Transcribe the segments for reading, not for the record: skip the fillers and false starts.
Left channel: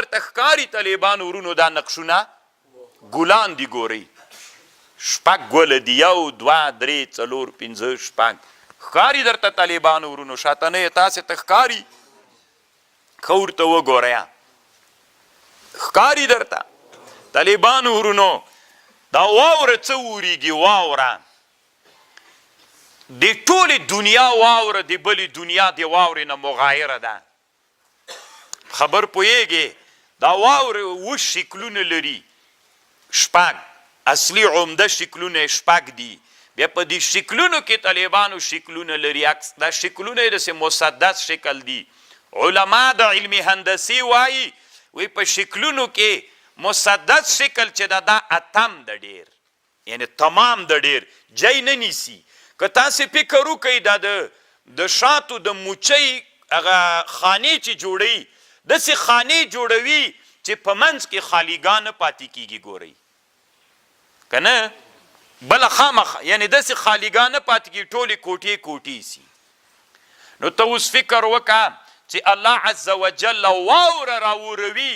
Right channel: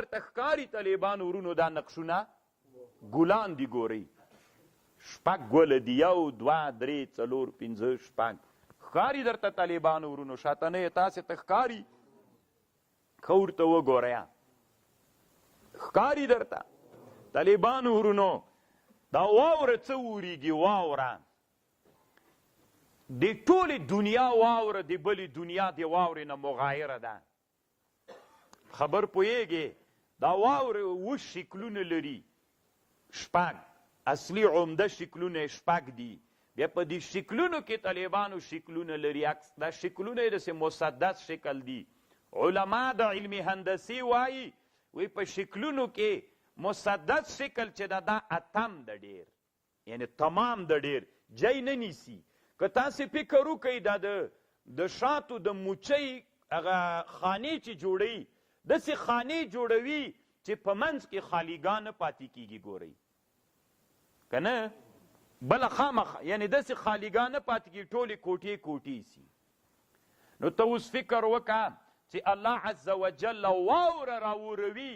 درته ښکاري طالبانو ورونو دا نقشونه ګلان دي ګورئ 6 ګله دي 1 2 3 4 5 6 ښکاري درته طالبانو ورونو شاته نه یې تاسې ته ښکاري ښه ورته وګورئ ښکاري درته طالبانو ورونو دا واوره څه وریږي واوره د ټولې دنیا واوره د بلې دنیا د واورې نه مغایره ده خبر پوهیږي دا واوره 7 شکلونه لري 6 اصلي عمده شکلونه 6 دي بیا په دې شکلونو کې طالبانو شکلونه لري دا شکلونه یې داسې مسدس شکل دي علما د علم هندسي وایي په شکلونو کې مسدس شکل چې دا اتم د ډیر یعنی تمام د ډیر جای نه نیسي که تاسې فکر وکئ دا د شاتو د موچۍ هغه خانې چې جوړوي داسې خانې جوړوي چې په منځ کې خالیګاه نه پاتې کیږي ګورئ که نه بله خامخ یعنی داسې خالیګاه نه پاتې کیږي ټولې کوټې کوټې سي نو ته اوس فکر وکړه چې الله عز وجل واوره راوروي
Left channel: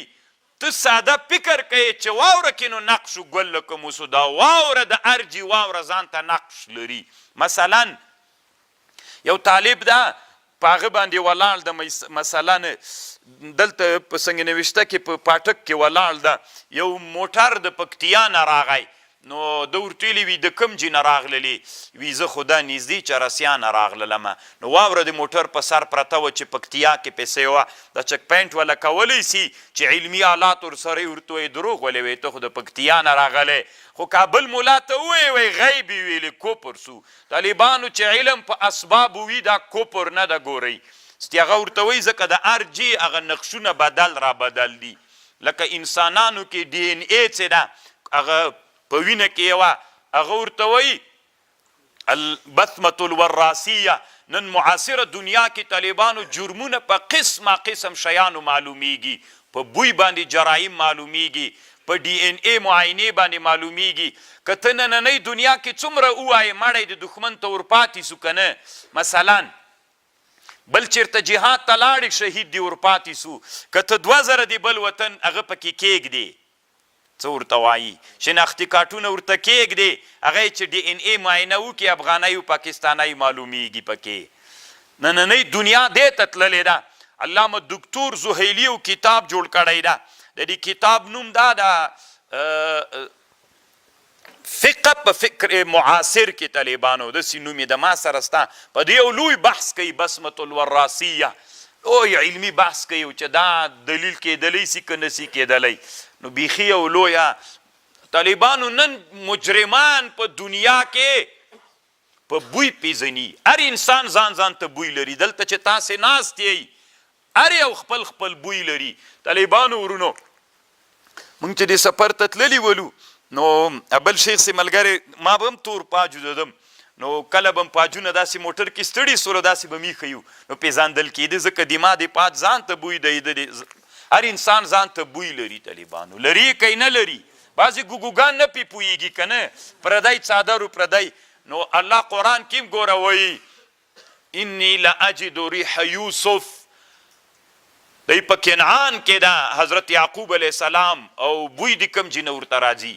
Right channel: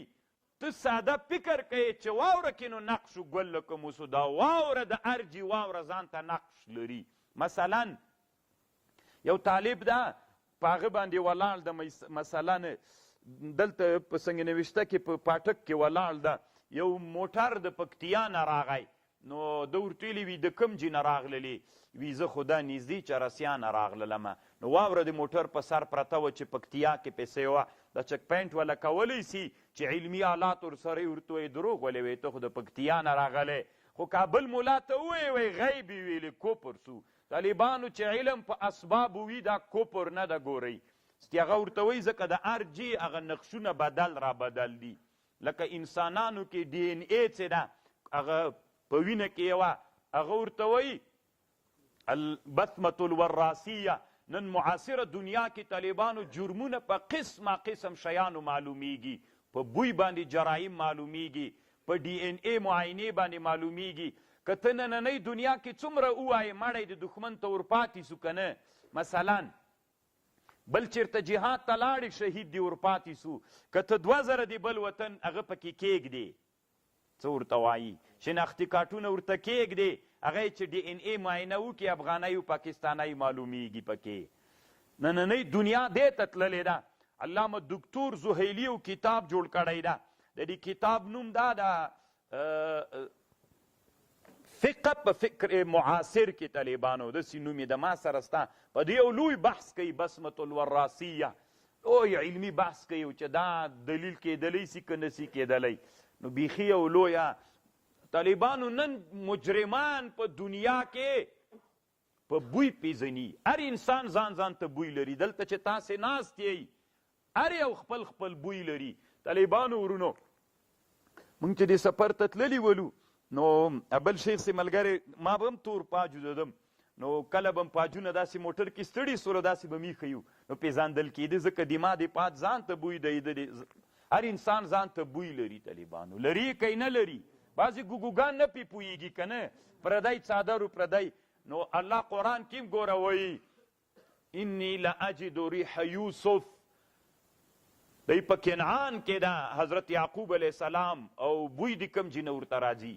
ته ساده فکر کوې چې واوره کې نو نقش ګل لکه موسو دا واوره د ارجي واوره ځان ته نقش لري مثلا یو طالب ده په هغه باندې ولاړ ده مثلا دلته په سنگ نوشته کې په پاټک کې ولاړ ده یو موټر د پکتیا نه راغی نو ده ورته ویلي وي د کوم ځای نه راغللې وي زه خو دا نږدې چرسیا نه راغللمه نو واوره د موټر په سر پرته وه چې پکتیا کې پیسې وه د چک پاینټ والا کولی سي چې علمي آلات ورسره یې ورته وایي دروغ ولې وایي ته خو د پکتیا نه راغلی خو کابل ملا ته ووایي وایي غیب یې ویلې کوپر سو طالبانو چې علم په اسبابو وي دا کوپر نه ده ګورئ ستې هغه ورته وایي ځکه د هر جې هغه نقشونه بدل را بدل دي لکه انسانانو کې ډي ان اے چې ده هغه په وینه کې یوه هغه ورته وایي البثمة الوراثیه نن معاصره دنیا کې طالبانو جرمونه په قسمه قسم شیانو معلومیږي په بوی باندې جرایم معلومیږي په ډي ان اے معاینې باندې معلومیږي که ته نننۍ دنیا کې څومره ووایې مړی د دښمن ته ورپاتې سو که نه مثلا بل چېرته جهاد ته لاړې شهید دې ورپاتې سو که ته 2000 د بل وطن هغه پکې کېږدې څه ورته وایي شناختي کارټونه ورته کېږدې هغه یې چې ډي ان اے معاینه وکړي افغانۍ او پاکستانۍ معلومیږي پکې نننۍ دنیا دې ته تللې ده علامه دکتور زهیلي یو کتاب جوړ کړی ده د دې کتاب نوم دا ده فقه په فکر معاصر کې طالبانو داسې نوم یې د ما سره سته په دې یو لوی بحث کوي بسمة الوراثیه لوی علمي بحث کوي چې دا دلیل کېدلی سي که نسي کېدلی نو بیخي یو لویه طالبانو نن مجرمان په دنیا کې په بوی پیژني هر انسان ځان ځان ته بوی لري دلته چې تاسې ناست یئ هر یو خپل خپل بوی لري طالبانو ورونو مونږ چې دې سفر ته تللي ولو نو بل شیخ سي ملګری ما به هم تور پاجو ددم نو کله به هم پاجونه داسې موټر کې ستړي سولو داسې به میښه یو نو پیژندل کېده ځکه دما د پاج ځان ته بوی دی هر انسان ځان ته بوی لري طالبانو لري که نه لري بعضې ګوګوګان نه پې پوهېږي که نه پردی څادر پردی نو الله قرآن کې هم ګوره وایي انی لاجد ریح یوسف دی په کنعان کې ده حضرت یعقوب علیه السلام او بوی د کوم ځای نه ورته راځي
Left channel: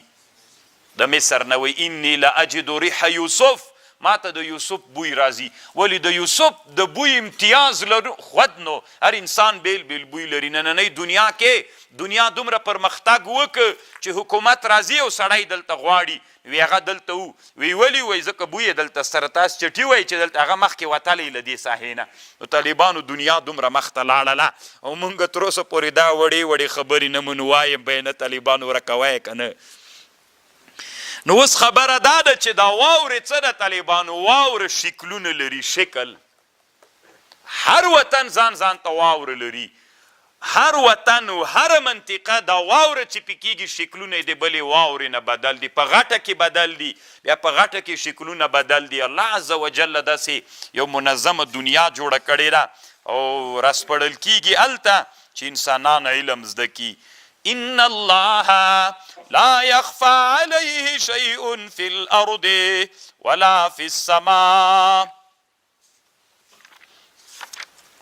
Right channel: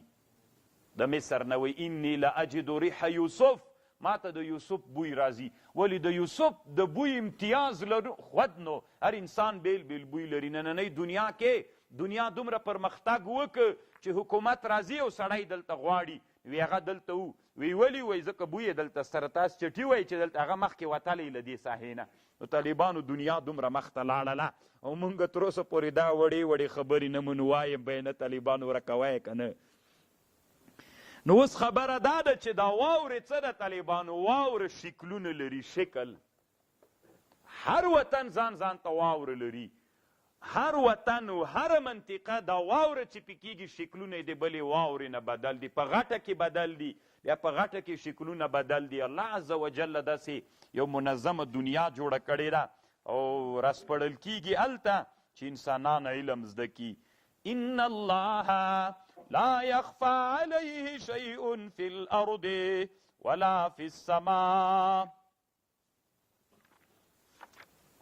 د مصر نه وایي انی لاجد ریح یوسف ما ته د یوسف بوی راځي ولې د یوسف د بوی امتیاز لرو خود نو هر انسان بیل بیل بوی لري نننۍ دنیا کې دنیا دومره پرمختګ وکړ چې حکومت راځي او سړی دلته غواړي وی هغه دلته وی ولې وایي ځکه بوی یې دلته سره تاسو چټي وایي چې دلته هغه مخکې وتلی له دې ساحې نه نو طالبانو دنیا دومره مخته لاړله او موږ تر اوسه پورې دا وړې وړې خبرې نه مونږ وایم به نه طالبانو ورکوی که نه نو اوس خبره دا ده چې دا واورې څه ده طالبانو واوره شکلونه لري شکل هر وطن ځان ځان ته واوره لري هر وطن و هر منطقه دا واوره چې پې کېږي شکلونه یې د بلې واورې نه بدل دي په غټه کې بدل دي بیا په غټه کې شکلونه بدل دي الله عز وجل داسې یو منظمه دنیا جوړه کړې ده او راسپړل کېږي هلته چې انسانان علم زده کي ان الله لا يخفى عليه شيء في الارض ولا في السماء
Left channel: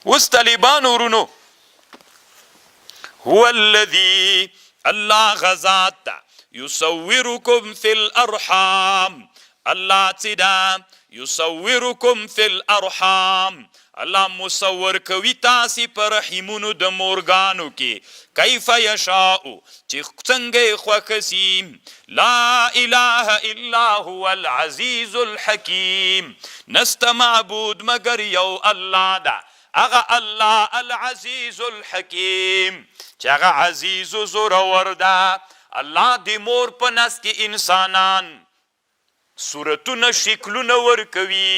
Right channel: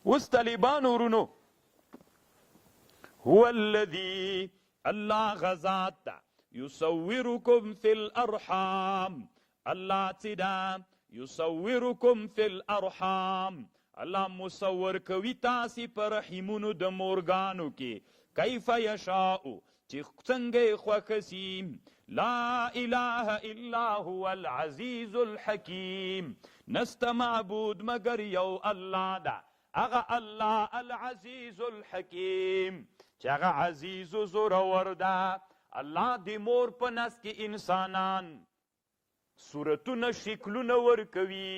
اوس طالبانو ورونو هو الذي الله غزات يصوركم في الارحام الله تدا يصوركم في الارحام الله مصور کوي تاسې په رحمونو د مورګانو کې کیف یشاء چې څنګه خوښ سي لا اله الا هو العزیز الحکیم نسته معبود مگر یو الله ده هغه الله العزیز الحکیم چې هغه عزیز و زورور ده الله د مور په نس کې انسانان صورتونه شکلونه ورکوي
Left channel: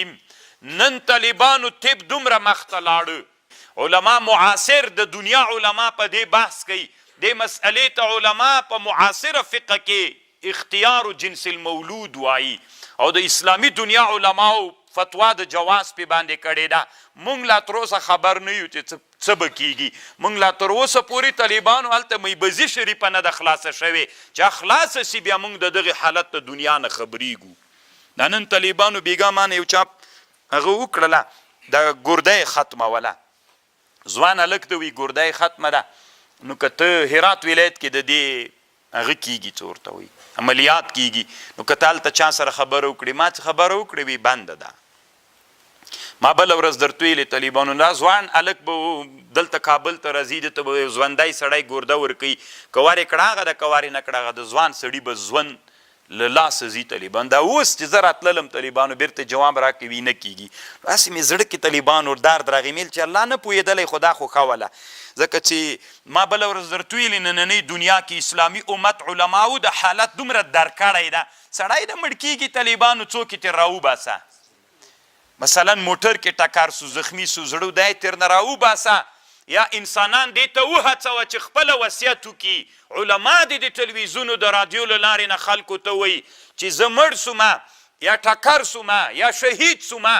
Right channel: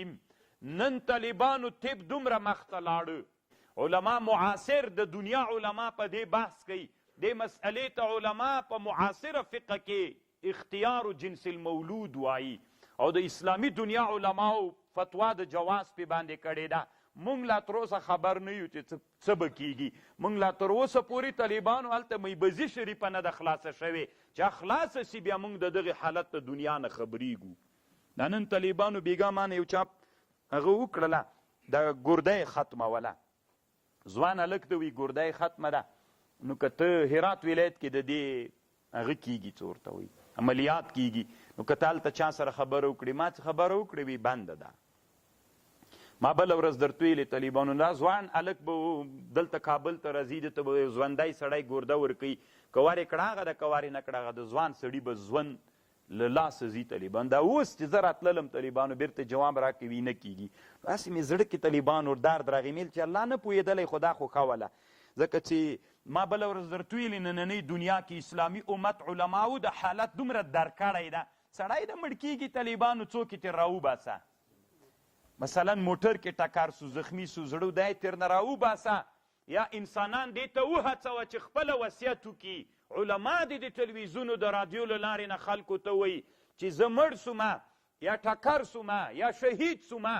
نن طالبانو طب دومره مخته لاړه علما معاصر د دنیا علما په دې بحث کوي دې مسئلې ته علما په معاصره فقه کې اختیار جنس المولود وایي او د اسلامي دنیا علماو فتوا د جواز په باندې کړې ده مونږ لا تر اوسه خبر نه یو چې څه به کیږي مونږ لا تر اوسه پورې طالبانو هلته میبزي شریفه نه ده خلاصه شوې چې خلاصه سي بیا مونږ د دغې حالت د دنیا نه خبریږو دا نن طالبانو بیګا مانه یو چاپ هغه وکړله د ګردۍ ختموله ځوان هلک ته وي ګردۍ ختمه ده نو که ته هرات ولایت کې د دې هغه کیږي څه ورته وایي عملیات کیږي نو که ته هلته چا سره خبره وکړې ما څه خبره وکړې وي بنده ده ما بله ورځ درته ویلې طالبانو دا ځوان هلک به دلته کابل ته راځي ده ته به یو ژوندی سړی ګرده ورکوي که وارې کړه هغه ده که وارې نه کړه هغه د ځوان سړي به ژوند له لاسه ځي طالبان دا اوس چې زه راتللم طالبانو بیرته جواب راکوي نه کیږي هسې مې زړه کې طالبانو درد راغی میل چې الله نه پوهېدلی خو دا خو ښه وله ځکه چې ما بله ورځ درته ویلې نننۍ دنیا کې اسلامي امت علماو د حالت دومره در کړی ده سړی د مړ کېږي طالبانو څوک یې ترې راوباسه مثلا موټر کې ټکر سو زخمی سو زړه دی ترې نه راوباسه یا انسانان دې ته وهڅوه چې خپله وصیت وکړي علما دې د تلویزیونو د رادیو له لارې نه خلکو ته وایي چې زه مړ سومه یا ټکر سومه یا شهید سومه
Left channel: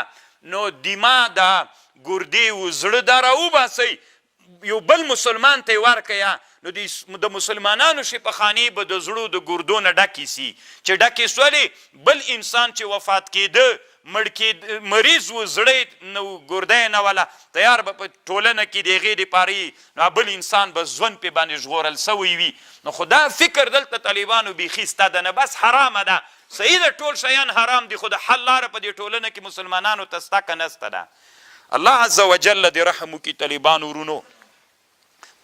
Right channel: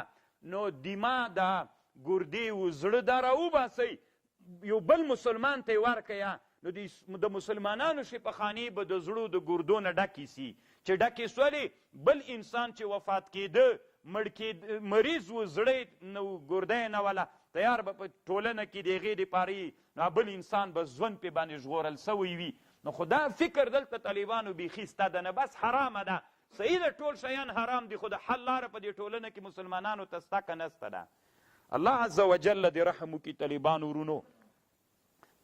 نو دیما د ګردې و زړه دا راوباسئ یو بل مسلمان ته یې ورکړه نو د مسلمانانو شفاخانې به د زړو د ګردو نه ډکې سي چې ډکې سولې بل انسان چې وفات کېده مریض و زړی نو ګردی نه وله تیار به په ټولنه کې د هغې دپاره نو بل انسان به ژوند پې باندې ژغورل سوی وي نو خو دا فکر دلته طالبانو بیخي سته ده نه بس حرامه ده صحیح ده ټول شیان حرام دي خو د حل لاره په دې ټولنه کې مسلمانانو ته سته که نسته ده الله عز وجل دې رحم وکړي طالبانو ورونو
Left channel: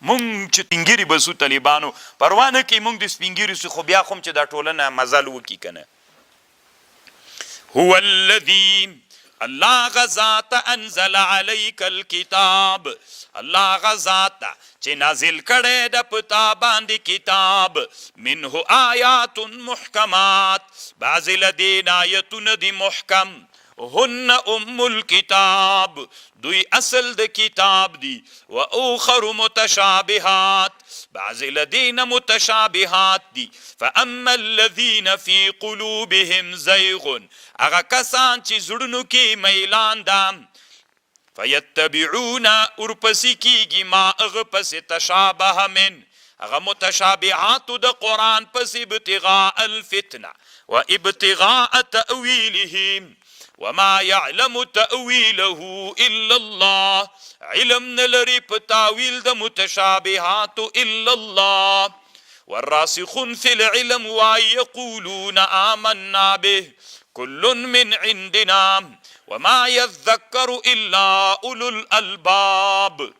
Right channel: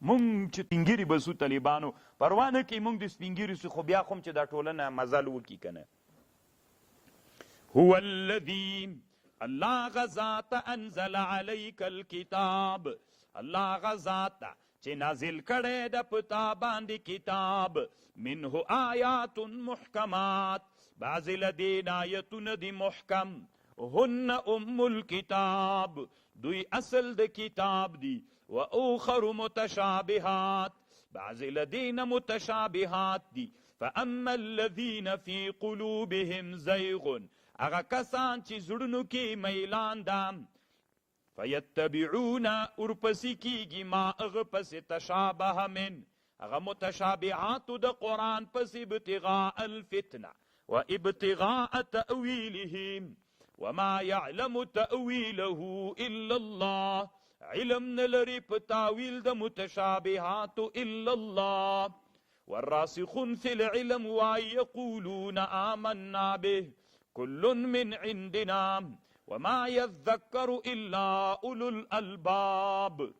مونږ چې سپینګیري به سو طالبانو پروا نه کوي مونږ د سپینګیري سو خو بیا خو هم چې دا ټولنه مزل وکړي که نه هو الذي الله غزات انزل عليك الكتاب الله غزات چې نازل کړی د پتا باندې کتاب منه آیات محکمات بعضې له دې آیتونه دي محکم هن ام الكتاب دوی اصل د کتاب دي و اخر متشابهات بعض الذين متشابهات دي فاما الذين في قلوبهم زيغ اغا کسان چې زړونو کې میلان ده فيتبعون ورپسې کیږي ما اغه پسې تشابه من اغا متشابهات د قرآن پسې ابتغاء الفتنه و ابتغاء تأويله وما يعلم تأويله إلا الله علم نلري بتاويل د متشابهات إلا الله والراسخون في العلم ويقولون آمنا به كل من عندنا وما يذكر إلا أولو الألباب